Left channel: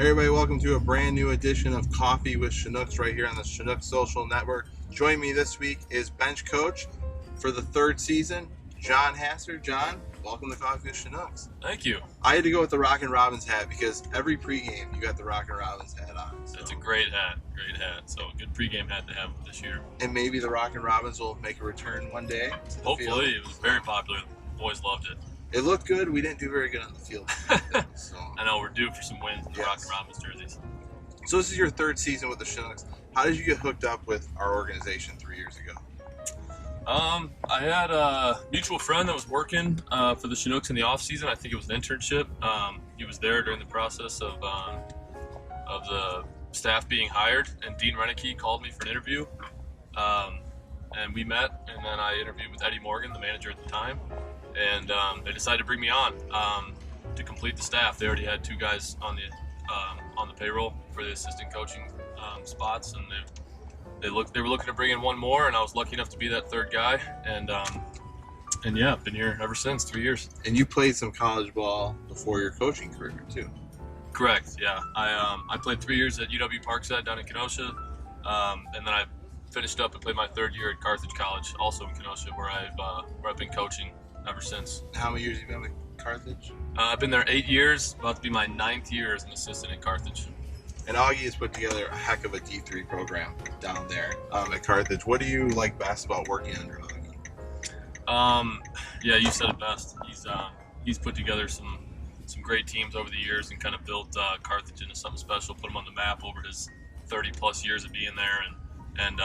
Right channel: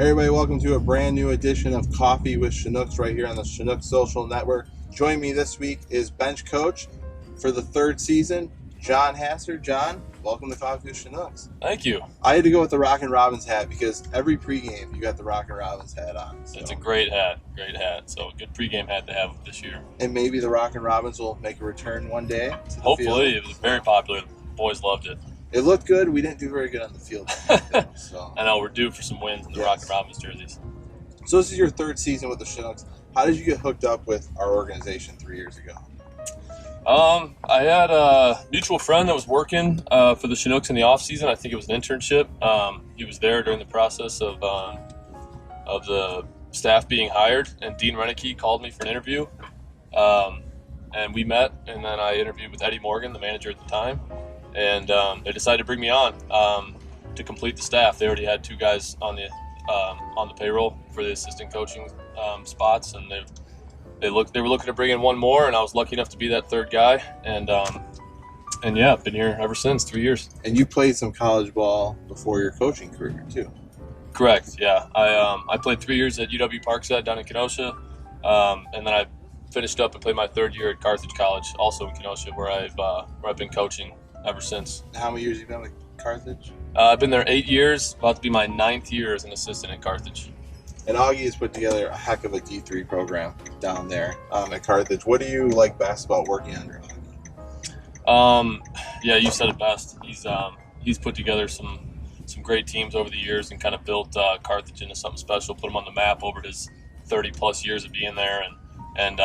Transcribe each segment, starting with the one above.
Hey everybody, welcome to a brand new edition of Coffee with Chinooks right here on the Chinooks Social Network. Joining me this week is bench coach for the third season, John Hasser. John, welcome to Coffee with Chinooks. Thank you. I had to go with the Rockin' Robins hat because every pregame you got the Rockin' Robins hat on. So. It's a great hat. So good pregame hat to have this year. And maybe the Rockin' Robins will make a return one day. Hopefully, it was very popular. The boys loved it. It looked good. We didn't do very good on the field. So. I know we're due for some wins in the Rockin' Robins jerseys. So this is your third season with the Chinooks. How did you get hooked up with our organization 3 years ago? I had a mutual friend that was working for the Chinooks in the off season. I think it was an internship. He was there during the process of the staff being hired, and Dean Renicky called me for an interview. And we met, and then I interviewed with Eddie Morgan, the manager at the time, and they decided to bring me on to complete the staff. They already had 2 guys on the payroll for the assistant coaching spots, and they were looking to bring in one more, and I was lucky enough to be that third guy, and yeah, I've been here ever since, 3 years. And you played some college ball before your coaching career too. Correct. Yeah, I played 3 years at UW Parkside down in Kenosha, and then I finished up and played my third year at Carthage College, also in Kenosha, where I've been coaching ever since. How many years have you been with Carthage? I've been there 8 years, about to be my 9th year as an assistant at Carthage. And Augie has put together a heck of a D3 program down there at Carthage. What do you like best about working under Augie? Yeah, you said it best. He's put together some great teams over the years and kind of built Carthage into something special, put him on the map over his 30-plus years of being there. And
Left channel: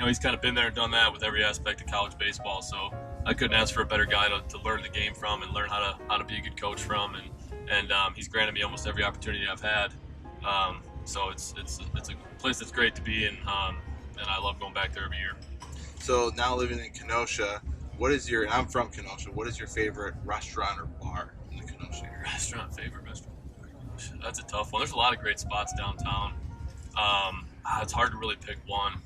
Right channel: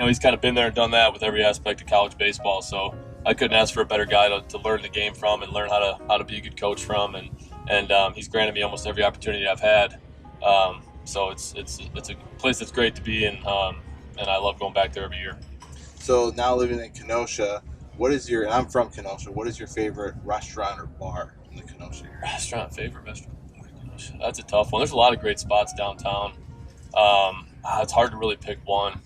he's kind of been there and done that with every aspect of college baseball. So I couldn't ask for a better guy to learn the game from and learn how to be a good coach from. And he's granted me almost every opportunity I've had. So it's a place that's great to be in, and I love going back there every year. So now living in Kenosha, and I'm from Kenosha, what is your favorite restaurant or bar in the Kenosha area? Favorite restaurant? That's a tough one. There's a lot of great spots downtown. It's hard to really pick one.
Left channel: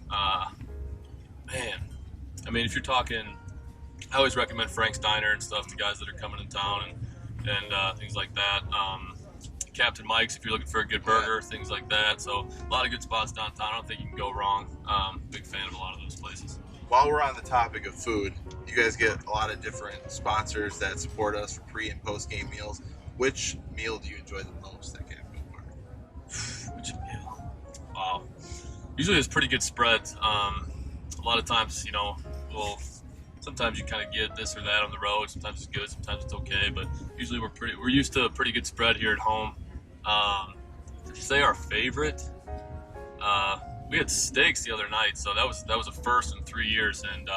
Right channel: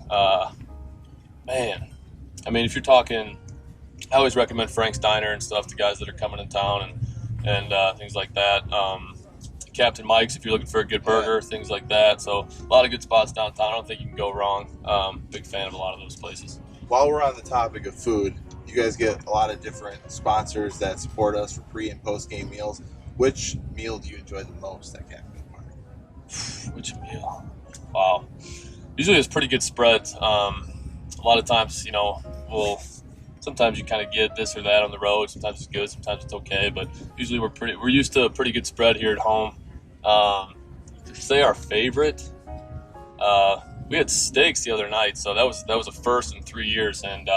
Man, I mean, if you're talking, I always recommend Frank's Diner and stuff to guys that are coming in town and things like that. Captain Mike's if you're looking for a good burger, things like that. So a lot of good spots downtown. I don't think you can go wrong. Big fan of a lot of those places. While we're on the topic of food, you guys get a lot of different sponsors that support us for pre- and post-game meals. Which meal do you enjoy the most at Captain Park? Which meal? Wow. Usually it's pretty good spreads. A lot of times, sometimes you kind of get this or that on the road. Sometimes it's good, sometimes it's okay. But usually we're used to a pretty good spread here at home. To say our favorite, we had steaks the other night, so that was a first in 3 years, and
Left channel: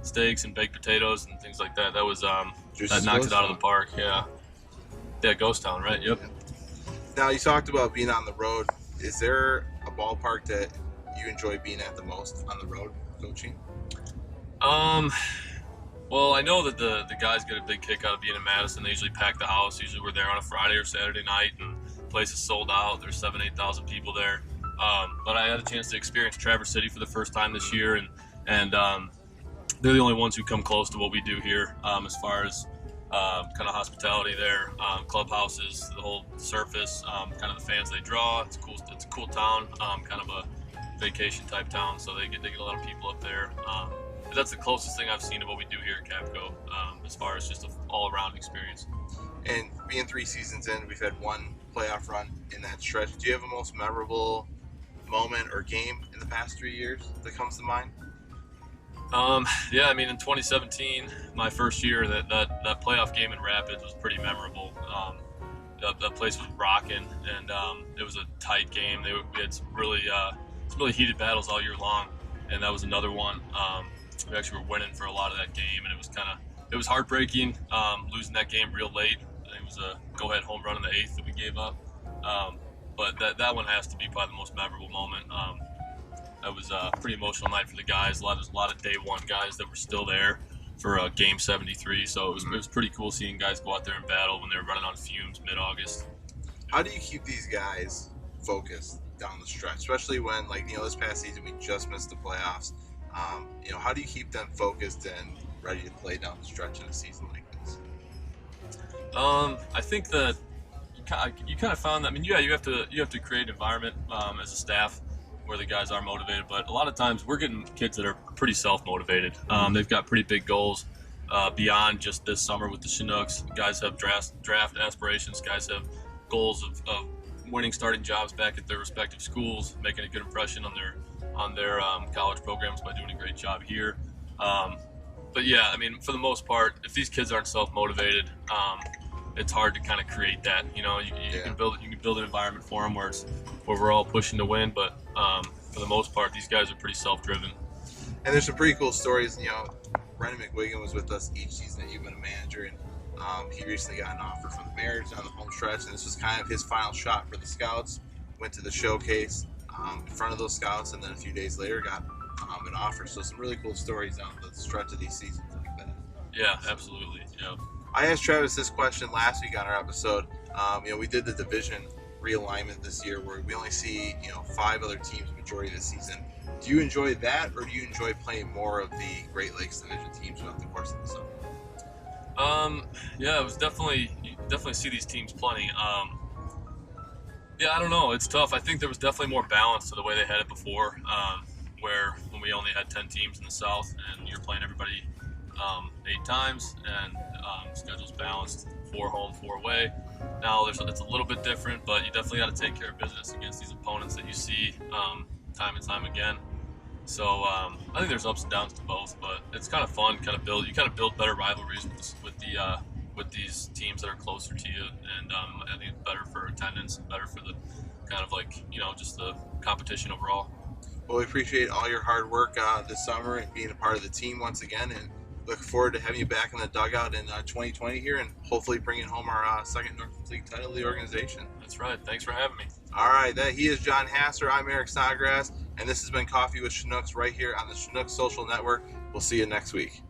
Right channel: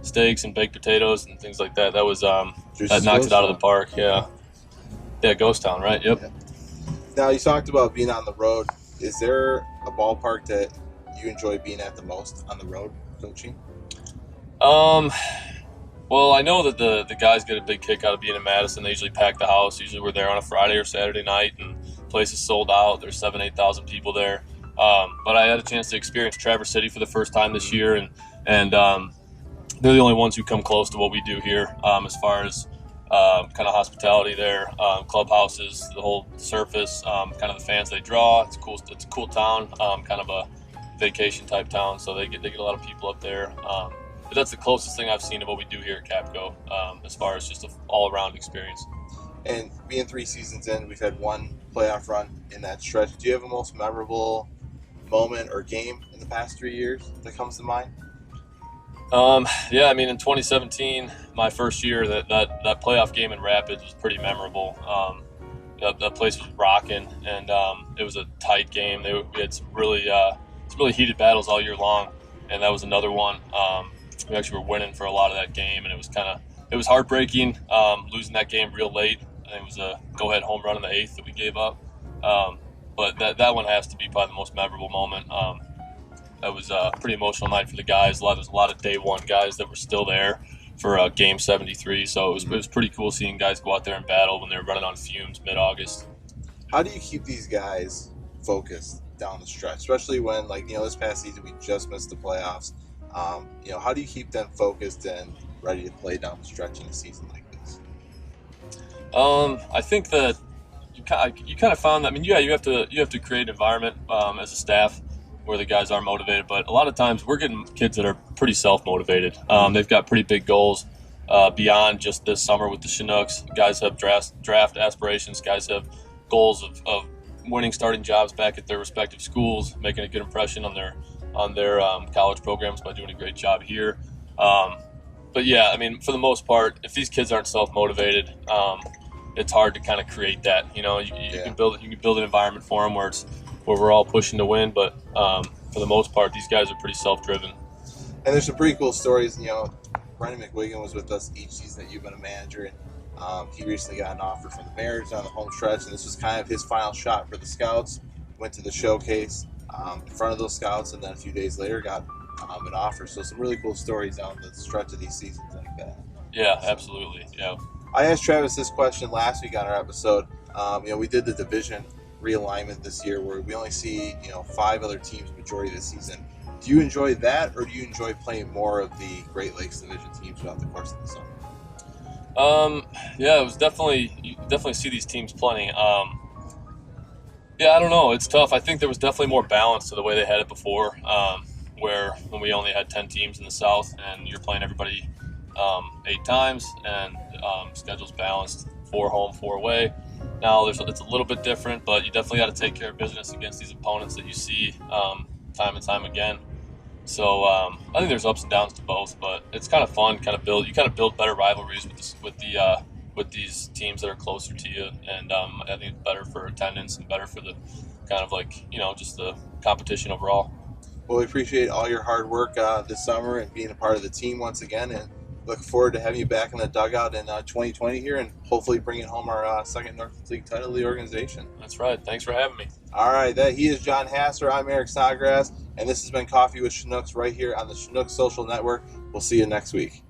steaks and baked potatoes and things like that. That was that knocked it out of the park. Yeah, Ghost Town, right? Yep. Now you talked about being on the road. Is there a ballpark that you enjoy being at the most on the road coaching? Well, I know that the guys get a big kick out of being in Madison. They usually pack the house. Usually we're there on a Friday or Saturday night, and the place is sold out. There's 8,000 people there. But I had a chance to experience Traverse City for the first time this year, and they're the only ones who come close to what we do here as far as kind of hospitality there, clubhouses, the whole surface, kind of the fans they draw. It's cool. It's a cool town, kind of a vacation type town, so they get a lot of people up there. But that's the closest thing I've seen of what we do here at Capco as far as just an all-around experience. And being 3 seasons in, we've had one playoff run in that stretch. Do you have a most memorable moment or game in the past 3 years that comes to mind? Yeah, I mean, in 2017, my first year, that playoff game in Rapids was pretty memorable. That place was rocking, and it was a tight game. We had some really heated battles all year long, and that was another one. We actually were winning for a lot of that game, and it was heartbreaking losing that game real late. I think it was a go-ahead home run in the 8th that we gave up. But that one has to be probably the most memorable moment. That was a pretty emotional night for the guys. There's a lot of day one guys that were still there for game 73. So it was pretty cool seeing guys go out there and battle when they were running on fumes mid-August. How do you keep these guys focused down the stretch, especially when, this past season we just missed the playoffs? How do you keep them focused and ready to play down the stretch in a season like this? I think that you kind of found that. I mean, yeah, you have to create an environment as a staff where the guys are motivated, but a lot of times we're getting kids that are pretty self-motivated. They've got pretty big goals beyond just this summer with the Chinooks. Guys have draft aspirations. Guys have goals of winning starting jobs back at their respective schools, making a good impression on their college programs by doing a great job here. But yeah, I mean, for the most part, if these kids aren't self-motivated, it's hard to kind of create that. You can build an environment for them where we're all pushing to win. But for the most part, these guys are pretty self-driven. And there's some pretty cool stories. Brendan McWigan was with us each season that you've been a manager, and he recently got an offer from the Mariners on the home stretch, and this was kind of his final shot for the Scouts. Went to the showcase in front of those Scouts, and then a few days later got an offer. So some really cool stories down the stretch of these seasons like that. Yeah, absolutely. Yeah. I asked Travis this question last week on our episode. We did the division realignment this year where we only see 5 other teams majority of the season. Do you enjoy that, or do you enjoy playing more of the Great Lakes Division teams throughout the course of the summer? Yeah, it was you definitely see these teams playing. Yeah, I don't know. It's tough. I think there was definitely more balance to the way they had it before, where when we only had 10 teams in the South and you're playing everybody 8 times and schedule's balanced, 4 home, 4 away. Now it's a little bit different, but you definitely got to take care of business against these opponents that you see time and time again. So I think there's ups and downs to both, but it's kind of fun. You build better rivalries with these teams that are closer to you, and I think it's better for attendance and better for the kind of just the competition overall. Well, we appreciate all your hard work this summer and being a part of the team once again, and look forward to having you back in the dugout in 2020 here, and hopefully bringing home our second North League title of the organization. That's right. Thanks for having me. All right, he is John Hasser. I'm Eric Snodgrass, and this has been Coffee with Chinooks right here on the Chinooks Social Network. We'll see you next week.